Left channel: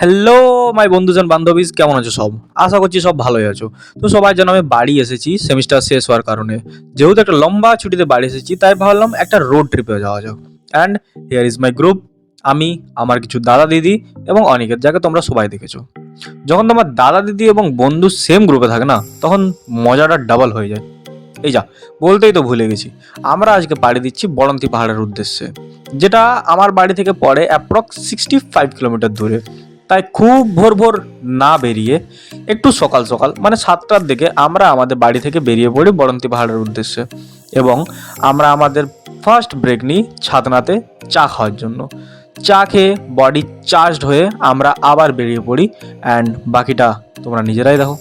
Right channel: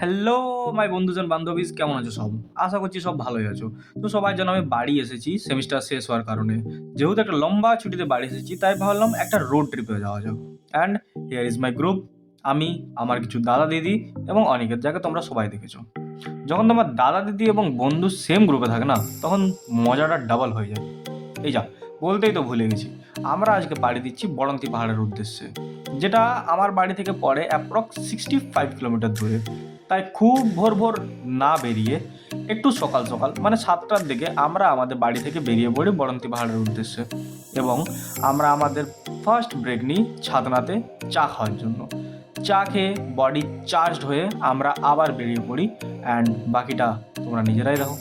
Hello my বন্ধুজন বান্ধবীজ, কেমন আছো সব? আশা করছি সব ভালোই আছো। তো সবাই যেন আমি বাড়ি এসেছি সেমিস্টার শেষ হওয়ার কারণে। যেহেতু একটা লম্বা ছুটিতে বাড়ি এসেছি, তাই ভাবলাম একটা রোড ট্রিপে যাওয়া যাক। And here is my group. আমি, আমার কিছু দাদা দিদি এবং অনেকের, যাকে তোমরা সবাই দেখেছো। যখন তোমার দাদা দিদি এবং বন্ধু সেম গ্রুপে থাকে না, তখন মজাটা ডাবল হয়ে যায়। এই যা, বলতেই তো ভুলে গেছি। আমরা আজকে পাড়ি দিচ্ছি বড়ন্তি পাহাড়ের উদ্দেশ্যে, যেটা আমার বাড়ি থেকে পড়ে অ্যাপ্রক্স 65 কিলোমিটার দূরে। তাই খুব ভোর ভোর না বেরিয়ে একটু সকাল সকাল মানে 7টার দিকে আমরা আমাদের বাড়ি থেকে বেরিয়ে পড়ি বড়ন্তি পাহাড়ের উদ্দেশ্যে। এবং আমরা আমাদের ফার্স্ট ব্রেক নিই ছাতনাতে চা খাওয়ার জন্য। চা খেয়ে বডি চার্জড হয়ে আমরা আবার বেরিয়ে পড়ি, অ্যান্ড বাকিটা তোমরা নিজেরাই দেখো।